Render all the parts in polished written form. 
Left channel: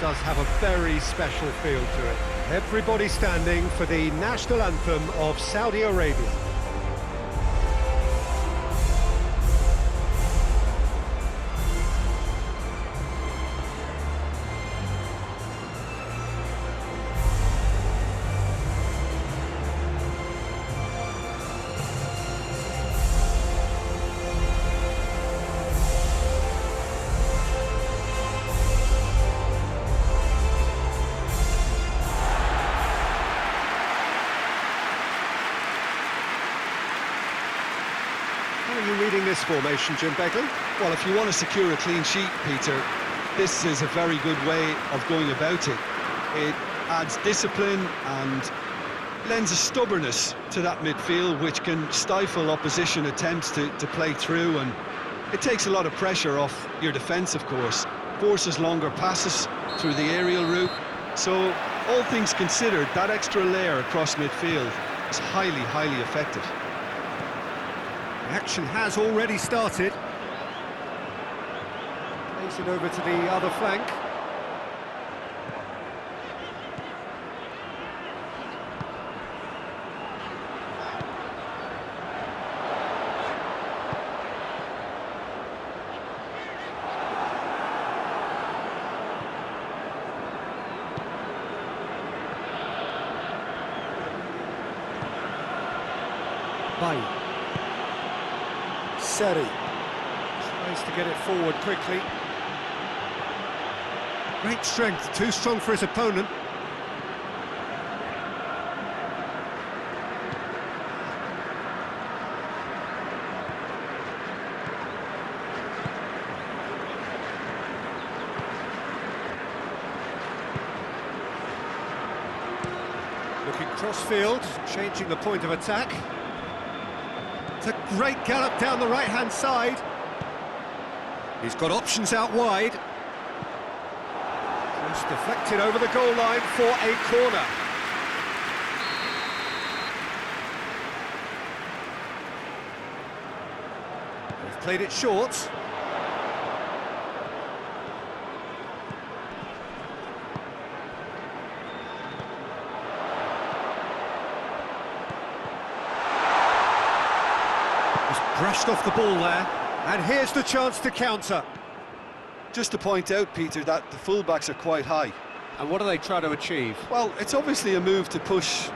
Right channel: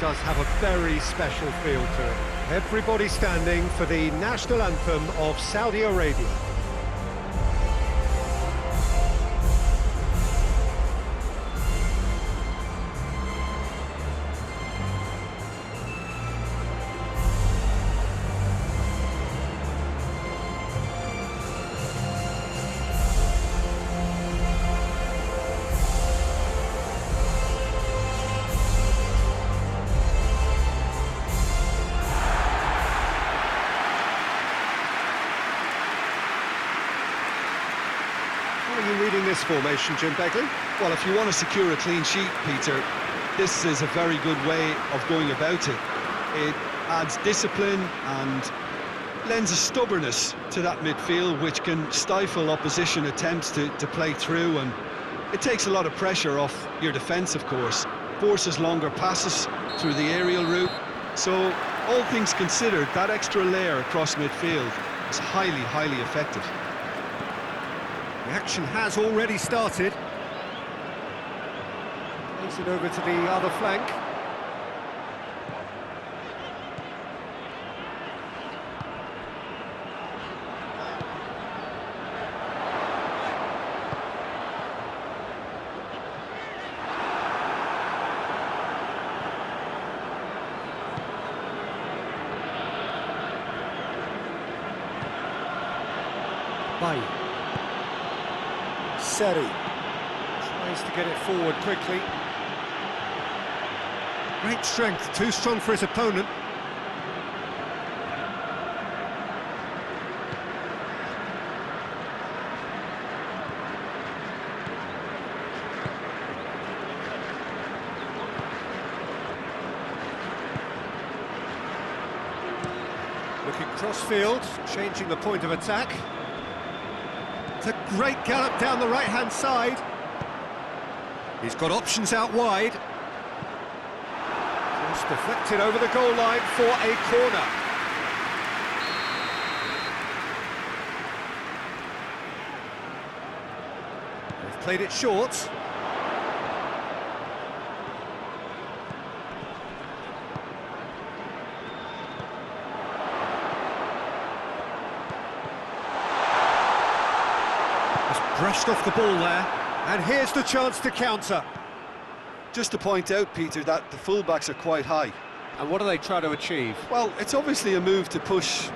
does have a very special feel to it. Everybody standing for the national anthem of Saudi Arabia. How are you reading this formation, Jim Begley? Well, if you want to secure a clean sheet, Peter, this is a very good way of going about it. It adds discipline and lends a stubbornness to that midfield, which can stifle opposition attempts to play through, and it takes a lot of pressure off your defence, of course. Forces longer passes through the aerial route. So, all things considered, that extra layer across midfield is highly, highly effective. The action has already started. Plays it over to the other flank. Bye. Seri tries to get it forward quickly. Great strength, too strong for his opponent. Looking cross-field, changing the point of attack. It's a great gallop down the right-hand side. He's got options out wide. Cross deflected over the goal line for a corner. They've played it short. Brushed off the ball there, and here's the chance to counter. Just to point out, Peter, that the fullbacks are quite high. And what do they try to achieve? Well, it's obviously a move to push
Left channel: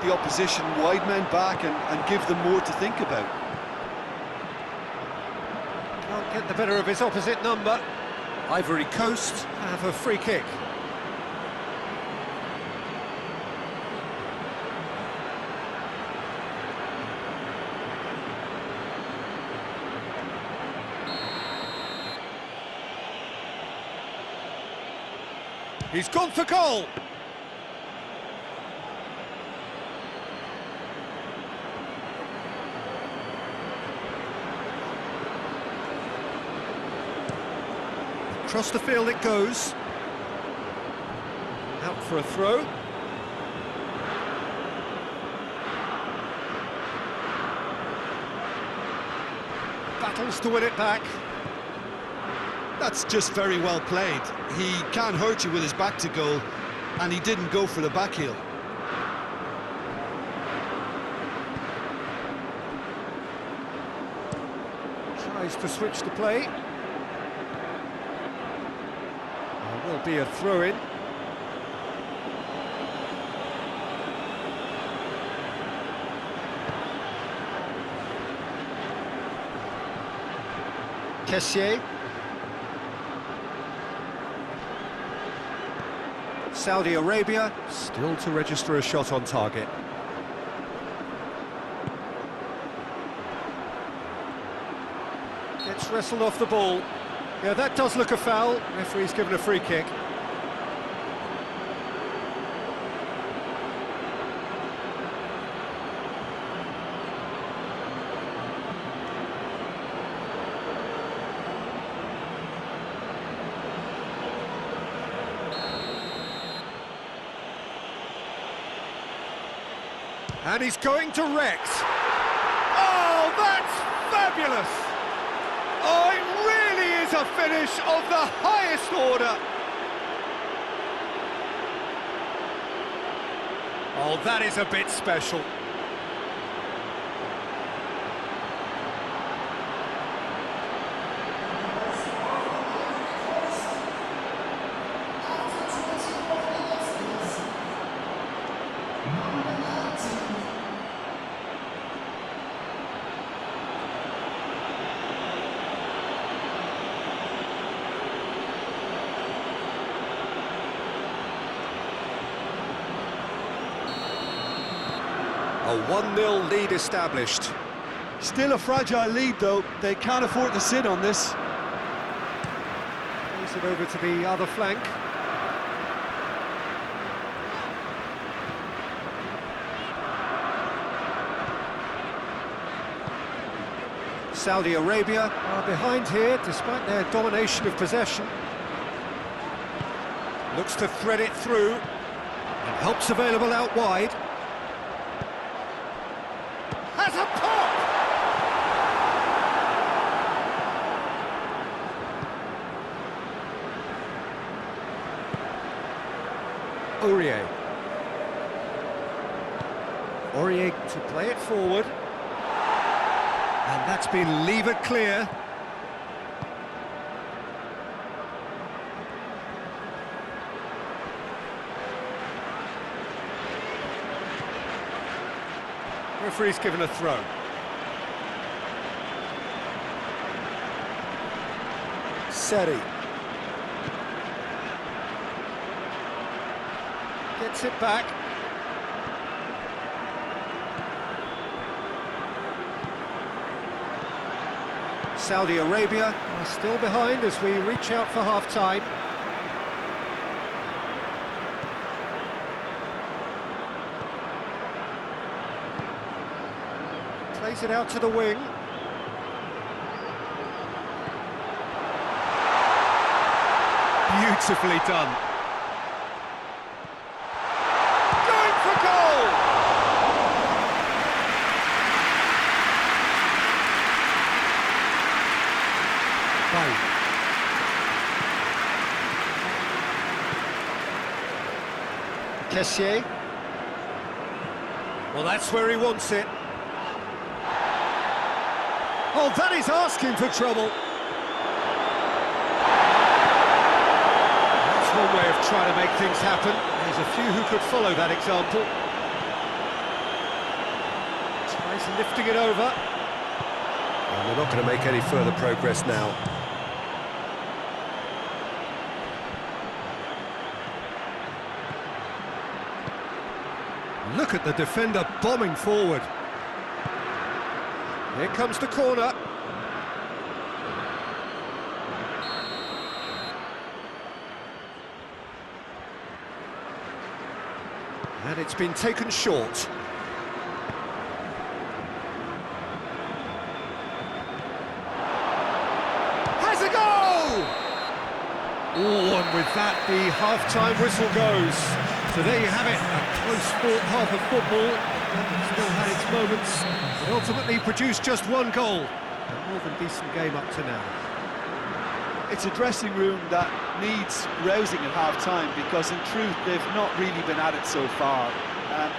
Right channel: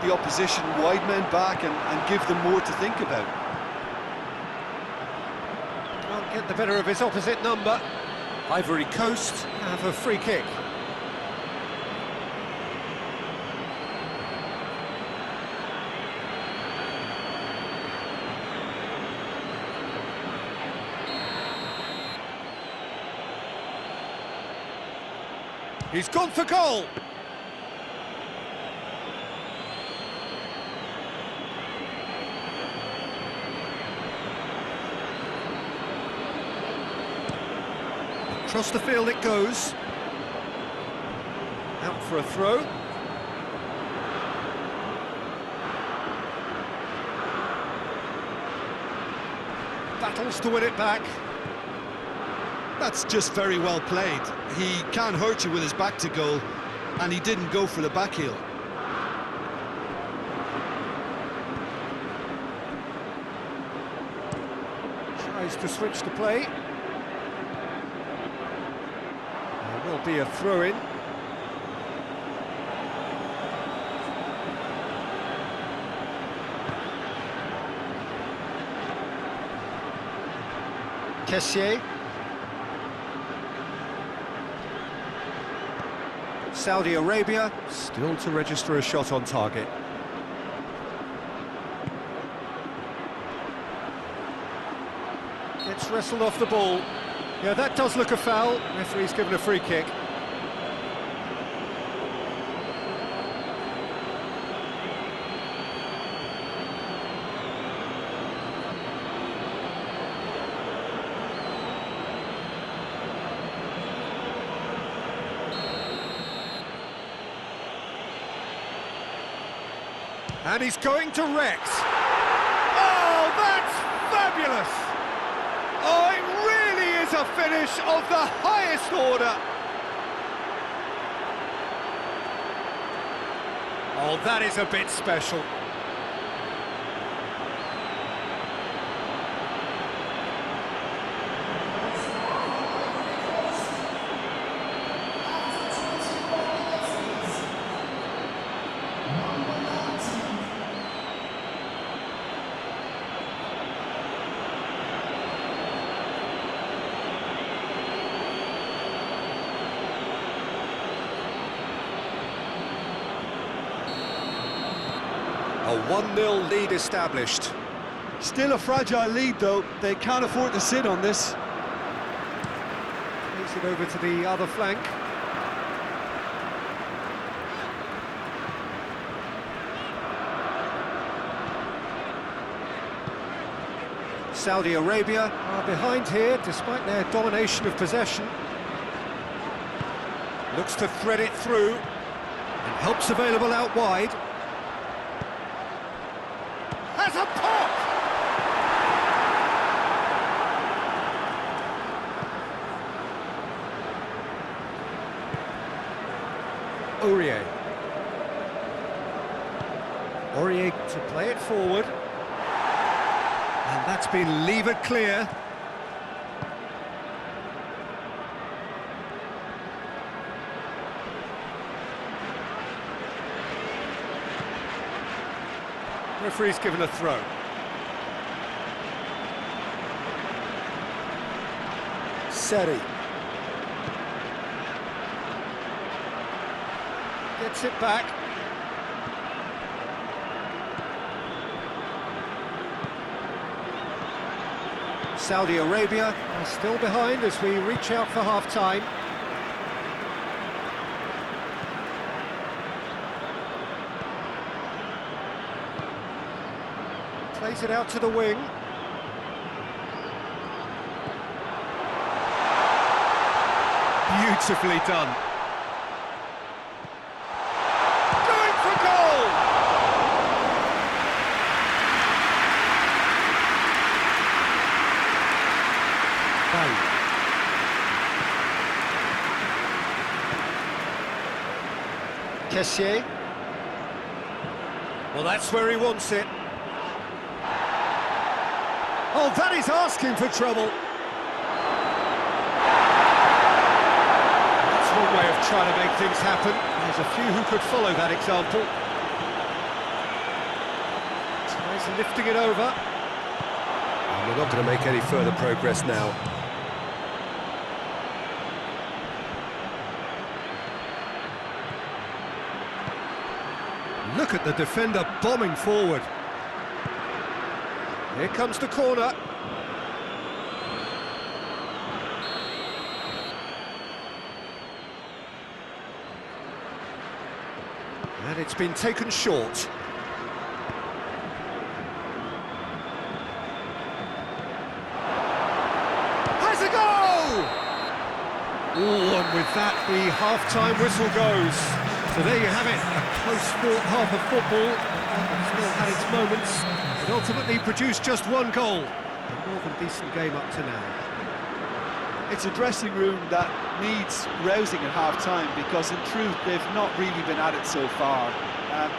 the opposition wide men back and give them more to think about. Can't get the better of his opposite number. Ivory Coast have a free kick. He's gone for goal! Across the field it goes. Out for a throw. Battles to win it back. That's just very well played. He can hurt you with his back to goal, and he didn't go for the back heel. Tries to switch the play. There will be a throw-in. Kessié. Saudi Arabia still to register a shot on target. Gets wrestled off the ball. Yeah, that does look a foul. Referee's given a free kick. And he's going direct. Oh, that's fabulous! Oh, it really is a finish of the highest order. Oh, that is a bit special. A 1-0 lead established. Still a fragile lead, though. They can't afford to sit on this. Plays it over to the other flank. Saudi Arabia are behind here, despite their domination of possession. Looks to thread it through, and help's available out wide. Has a pop! Aurier. Aurier to play it forward. And that's been levered clear. Referee's given a throw. Seri. Gets it back. Saudi Arabia are still behind as we reach out for half-time. Plays it out to the wing. Beautifully done. Going for goal! Bye. Kessier. Well, that's where he wants it. Oh, that is asking for trouble. That's one way of trying to make things happen. There's a few who could follow that example. Tries lifting it over. And they're not going to make any further progress now. Look at the defender bombing forward. Here comes the corner. And it's been taken short. Has a goal! Oh, and with that, the half-time whistle goes. So there you have it, a close-fought half of football, but one that still had its moments. It ultimately produced just one goal. A more than decent game up to now. It's a dressing room that needs rousing at half-time because, in truth, they've not really been at it so far.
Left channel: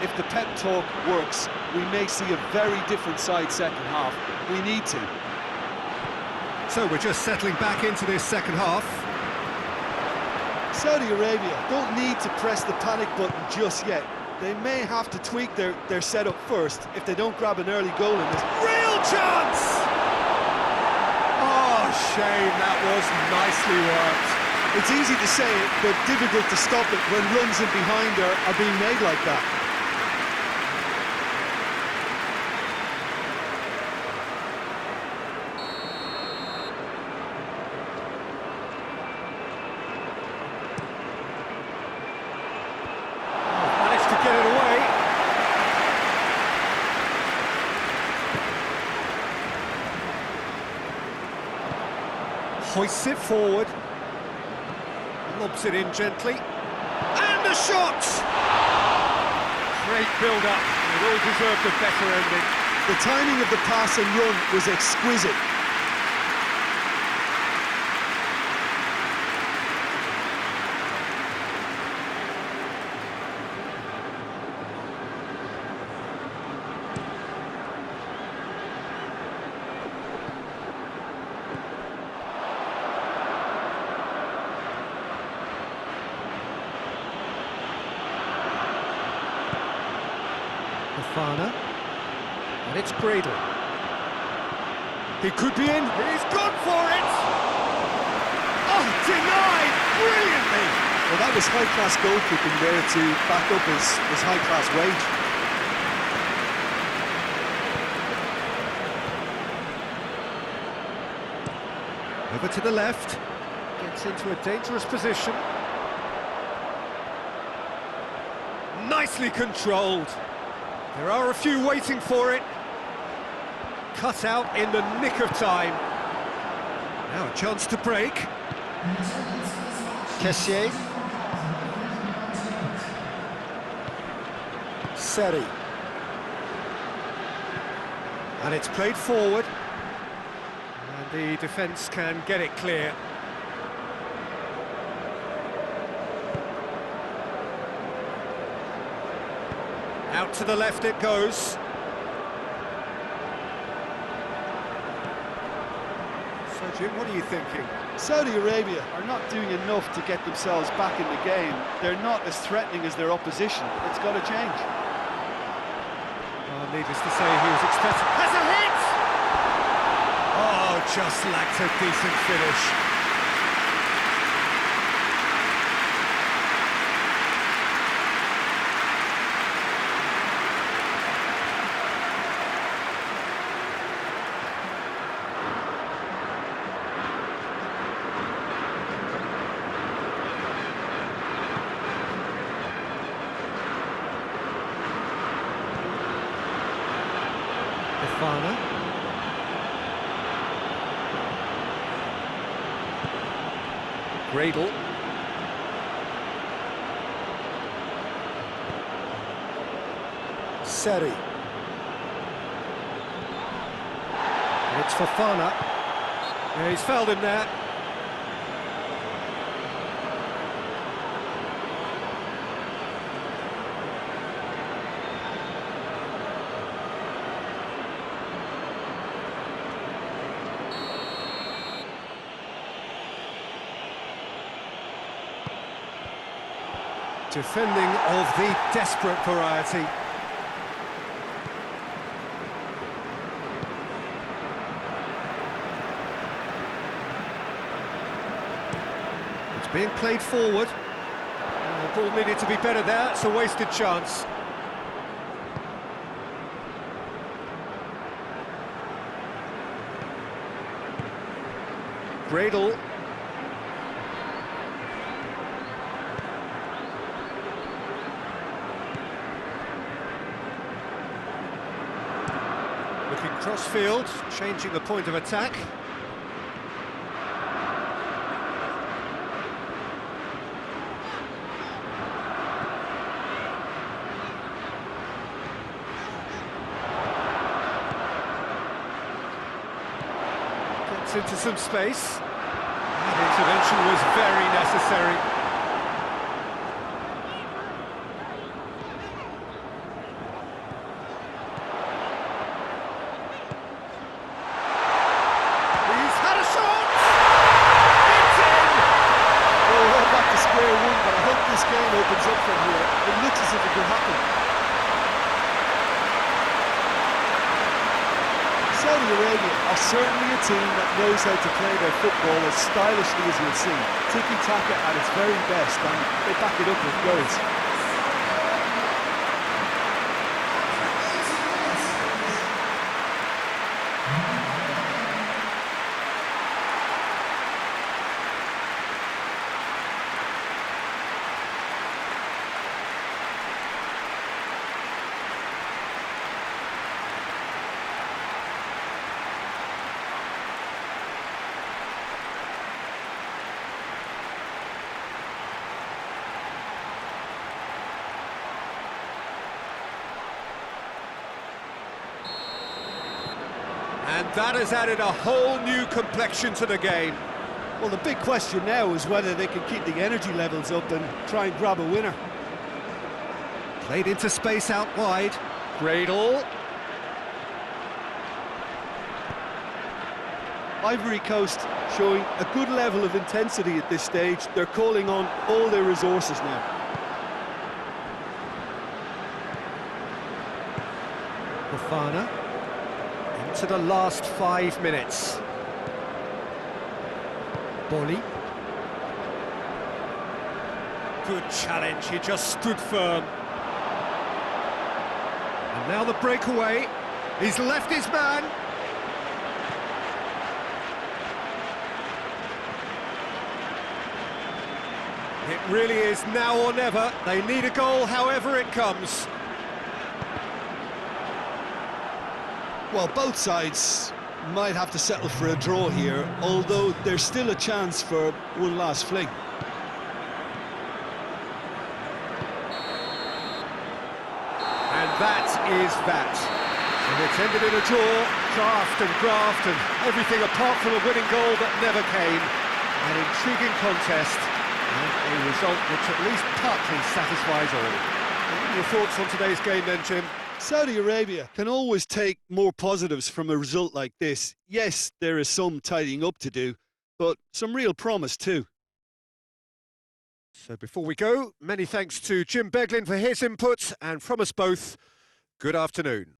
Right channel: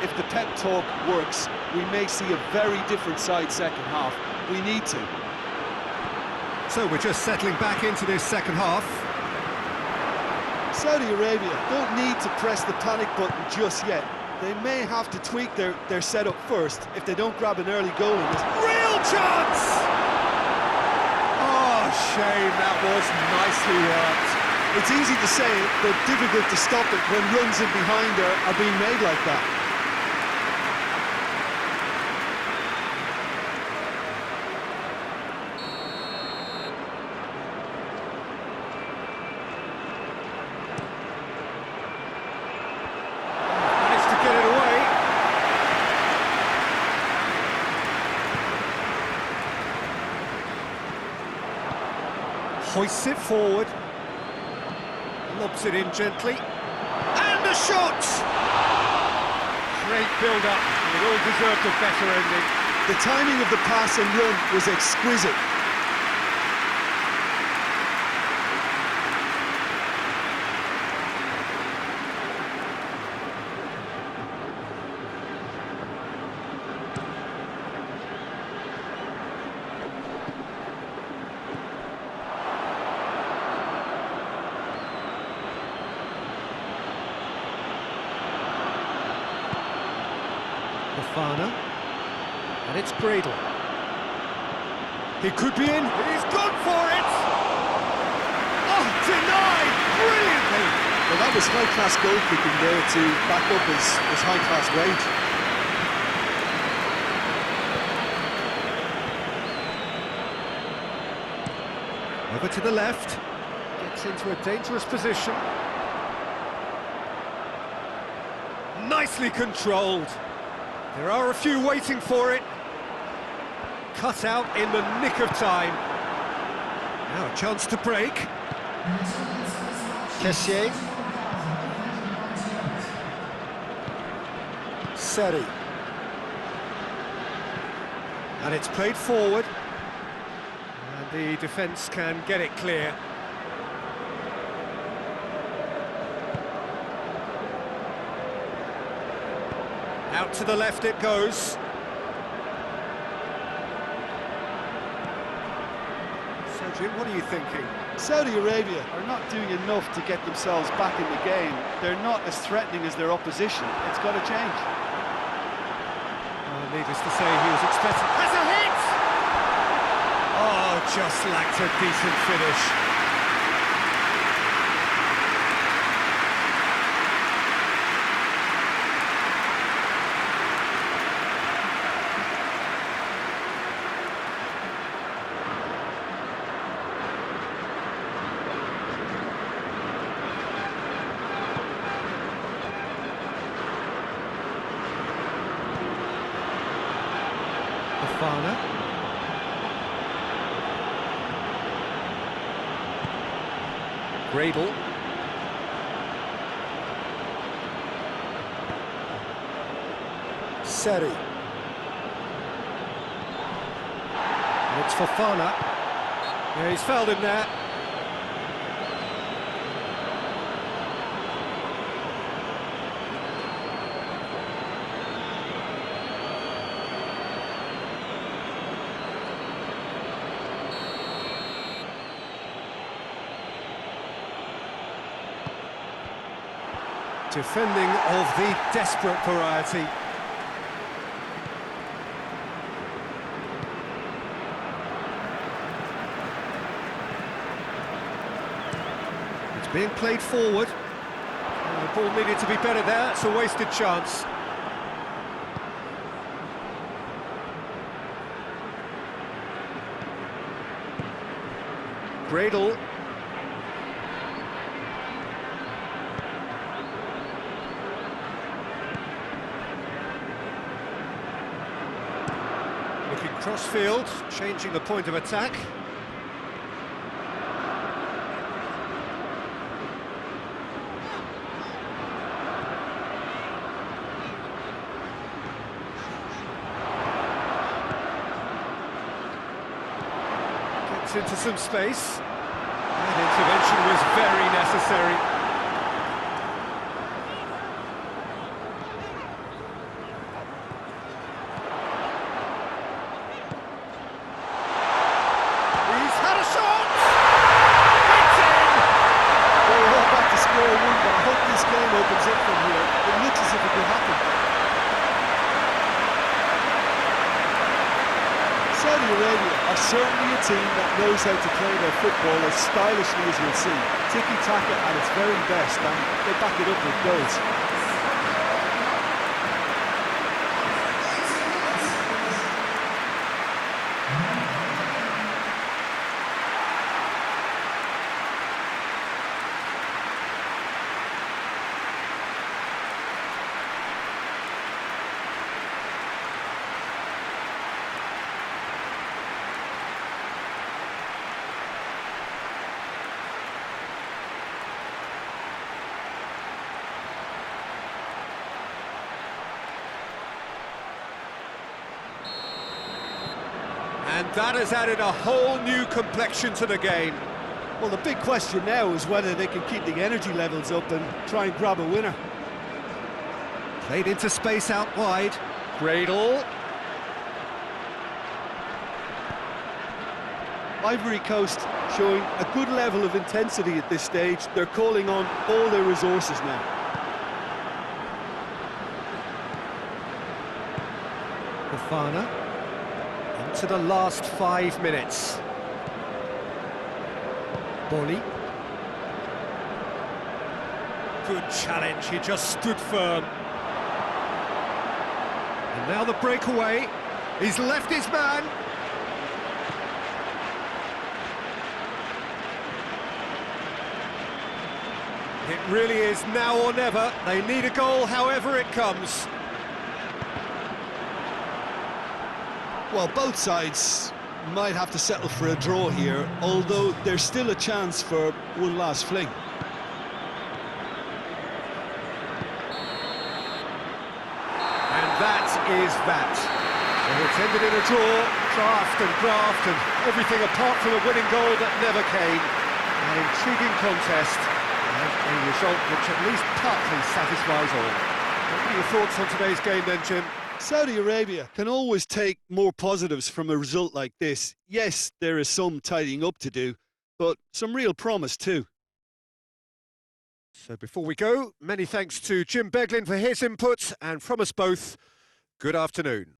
If the pep talk works, we may see a very different side second half. We need to. So we're just settling back into this second half. Saudi Arabia don't need to press the panic button just yet. They may have to tweak their setup first if they don't grab an early goal in this. Real chance! Oh, shame, that was nicely worked. It's easy to say it, but difficult to stop it when runs in behind are being made like that. Managed to get it away. Hoists it forward. Lobs it in gently. And a shot! Great build-up. It all deserved a better ending. The timing of the pass and run was exquisite. Fofana. And it's Gradle. He could be in. He's gone for it! Oh, denied brilliantly! Well, that was high-class goalkeeping there to back up his high-class wage. Over to the left. Gets into a dangerous position. Nicely controlled. There are a few waiting for it. Cut out in the nick of time. Now a chance to break. Kessier. Seri. And it's played forward. And the defence can get it clear. Out to the left it goes. So, Jim, what are you thinking? Saudi Arabia are not doing enough to get themselves back in the game. They're not as threatening as their opposition. It's got to change. Oh, needless to say, he was expecting... Has a hit! Oh, just lacked a decent finish. Fofana. Gradle. Seri. And it's Fofana. Yeah, he's fouled him there. Defending of the desperate variety. It's being played forward. The ball needed to be better there, it's a wasted chance. Gradle. Looking cross-field, changing the point of attack. Gets into some space. That intervention was very necessary. Square one, but I hope this game opens up from here. It looks as if it could happen. Saudi Arabia are certainly a team that knows how to play their football as stylishly as you'll see. Tiki-taka at its very best, and they back it up with goals. And that has added a whole new complexion to the game. Well, the big question now is whether they can keep the energy levels up and try and grab a winner. Played into space out wide. Gradle. Ivory Coast showing a good level of intensity at this stage. They're calling on all their resources now. Fofana. Into the last 5 minutes. Bolly. Good challenge, he just stood firm. And now the breakaway. He's left his man. It really is now or never. They need a goal however it comes. Well, both sides might have to settle for a draw here, although there's still a chance for one last fling. And that is that. So it's ended in a draw, draft and everything apart from a winning goal that never came. An intriguing contest and a result which at least partly satisfies all. What are your thoughts on today's game then, Jim? Saudi Arabia can always take more positives from a result like this. Yes, there is some tidying up to do, but some real promise too. So before we go, many thanks to Jim Beglin for his input, and from us both, good afternoon.